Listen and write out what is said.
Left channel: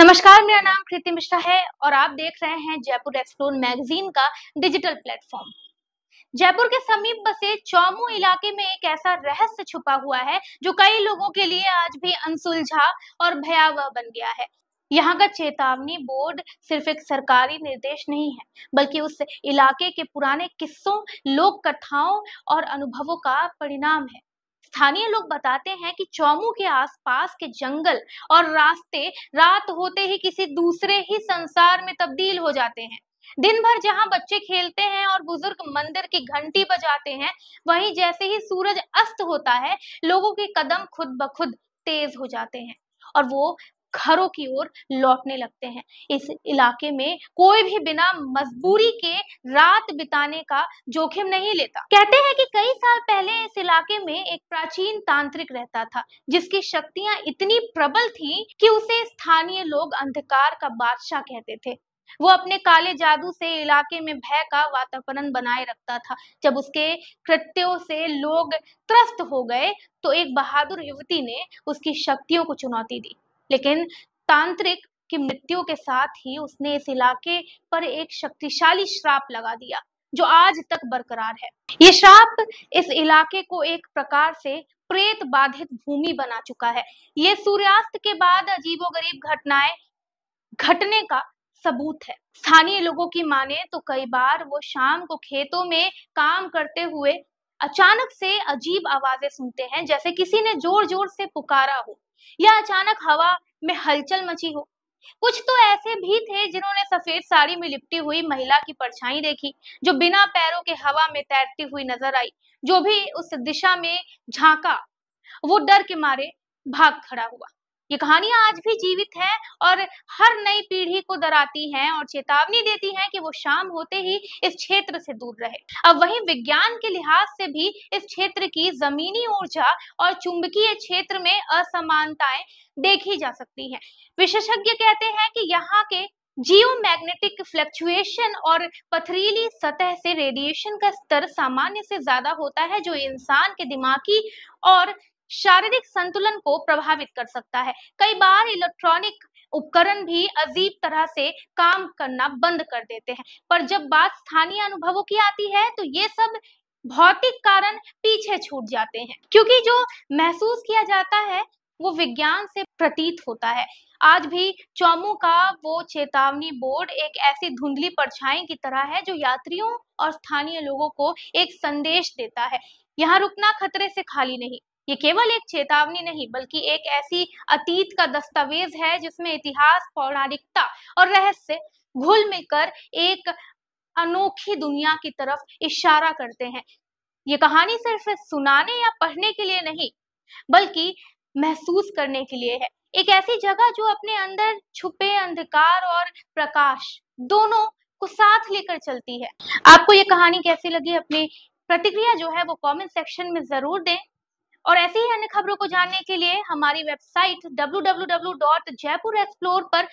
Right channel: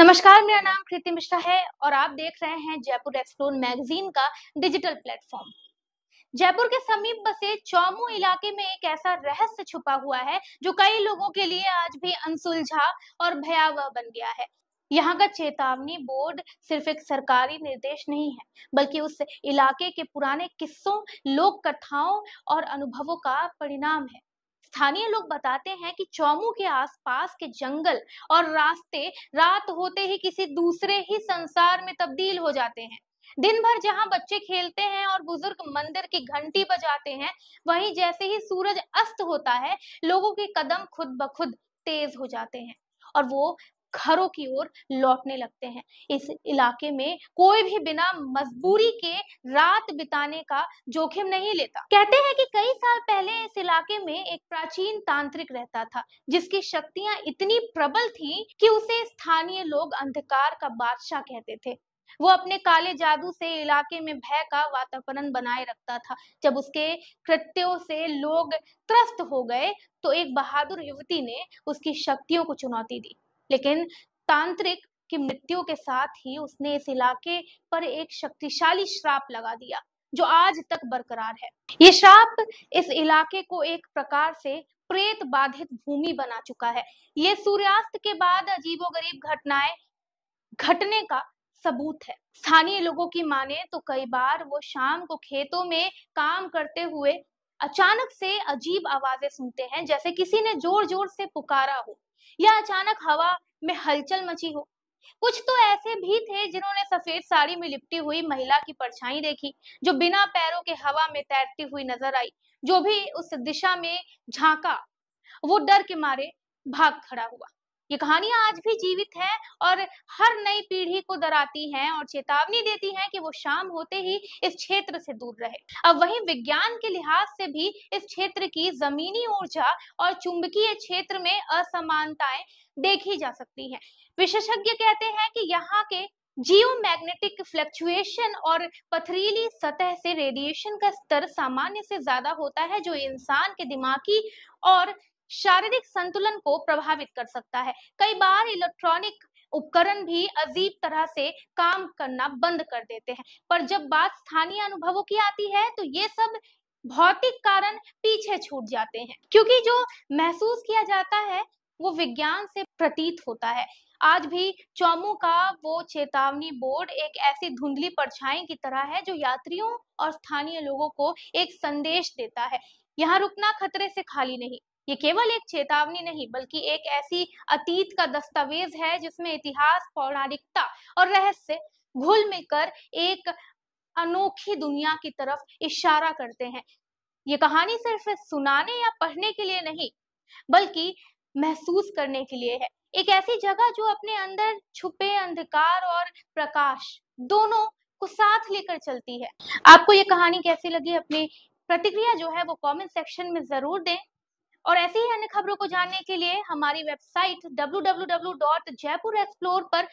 नमस्कार, मेरा नाम कृति मिश्रा है और आप देख रहे हैं जयपुर एक्सप्लोर मैगजीन का डिजिटल प्लेटफॉर्म। जयपुर के समीप बसे चौमू इलाके में एक ऐसा रहस्य छुपा हुआ है जो कई लोगों के लिए आज भी अनसुलझा और भयावह बन गया है। यहाँ का चेतावनी बोर्ड सिर्फ एक सरकारी निर्देश नहीं है, बल्कि उस इलाके के पुराने किस्सों, लोक कथाओं और अनुभवों का परिणाम है। स्थानीय लोग बताते हैं कि चौमू के आसपास के जंगल और रास्ते रात होते ही किसी दूसरे ही संसार में तब्दील हो जाते हैं। दिन भर जहां बच्चे खेलते हैं और बुजुर्ग मंदिर की घंटी बजाते हैं, वहीं जैसे ही सूरज अस्त होता है, लोगों के कदम खुद ब खुद तेज हो जाते हैं और वो घरों की ओर लौटने लगते हैं। इस इलाके में कोई भी बिना मजबूरी के रात बिताने का जोखिम नहीं लेता। कहते हैं कि कई साल पहले इस इलाके में एक प्राचीन तांत्रिक रहता था, जिसकी शक्तियां इतनी प्रबल थीं कि उसे स्थानीय लोग अंधकार का बादशाह कहते थे। वो अपने काले जादू से इलाके में भय का वातावरण बनाए रखता था। जब उसके कृत्यों से लोग त्रस्त हो गए, तो एक बहादुर युवती ने उसकी शक्तियों को चुनौती दी। लेकिन तांत्रिक की मृत्यु के साथ ही उसने इस इलाके पर एक शक्तिशाली श्राप लगा दिया, जो आज तक बरकरार है। ये श्राप इस इलाके को एक प्रकार से प्रेत बाधित भूमि बना चुका है। ये सूर्यास्त के बाद अजीबोगरीब घटनाएं घटने का सबूत है। स्थानीय लोगों की माने तो कई बार वो शाम को खेतों में काम करते हुए अचानक से अजीब आवाजें सुनते हैं, जैसे किसी ने जोर जोर से पुकारा हो या अचानक हवा में हलचल मची हो। कुछ तो ऐसे भी थे जिन्होंने सफेद साड़ी में लिपटी हुई महिला की परछाई देखी, जो बिना पैरों के हवा में तैरती हुई नजर आई। जो भी उस दिशा में झांका, वो डर के मारे भाग खड़ा हुआ। ये कहानियां आज भी जीवित है और हर नई पीढ़ी को डराती हैं और चेतावनी देती हैं कि वो शाम होते ही इस क्षेत्र से दूर रहे। अब वहीं विज्ञान के लिहाज से भी इस क्षेत्र की जमीनी ऊर्जा और चुंबकीय क्षेत्र में असमानताएं देखी जा सकती हैं। विशेषज्ञ कहते हैं कि यहाँ के जियोमैग्नेटिक फ्लक्चुएशन और पथरीली सतह से रेडिएशन का स्तर सामान्य से ज्यादा होता है, जो इंसान के दिमागी और शारीरिक संतुलन को प्रभावित कर सकता है। कई बार इलेक्ट्रॉनिक उपकरण भी अजीब तरह से काम करना बंद कर देते हैं। पर जब बात स्थानीय अनुभवों की आती है, तो ये सब भौतिक कारण पीछे छूट जाते हैं, क्योंकि जो महसूस किया जाता है वो विज्ञान से प्रतीत होता है। आज भी चौमू का वो चेतावनी बोर्ड एक ऐसी धुंधली परछाई की तरह है, जो यात्रियों और स्थानीय लोगों को एक संदेश देता है। यहाँ रुकना खतरे से खाली नहीं। ये केवल एक चेतावनी नहीं, बल्कि एक ऐसी अतीत का दस्तावेज है जिसमें इतिहास, पौराणिकता और रहस्य घुल मिलकर एक अनोखी दुनिया की तरफ इशारा करते हैं। ये कहानी सिर्फ सुनाने या पढ़ने के लिए नहीं, बल्कि महसूस करने के लिए है। एक ऐसी जगह जो अपने अंदर छुपे अंधकार और प्रकाश दोनों को साथ लेकर चलती है। आपको ये कहानी कैसी लगी? अपनी प्रतिक्रिया जो है वो कमेंट सेक्शन में जरूर दें और ऐसे ही अन्य खबरों को जानने के लिए हमारी वेबसाइट www.jaipurexplore पर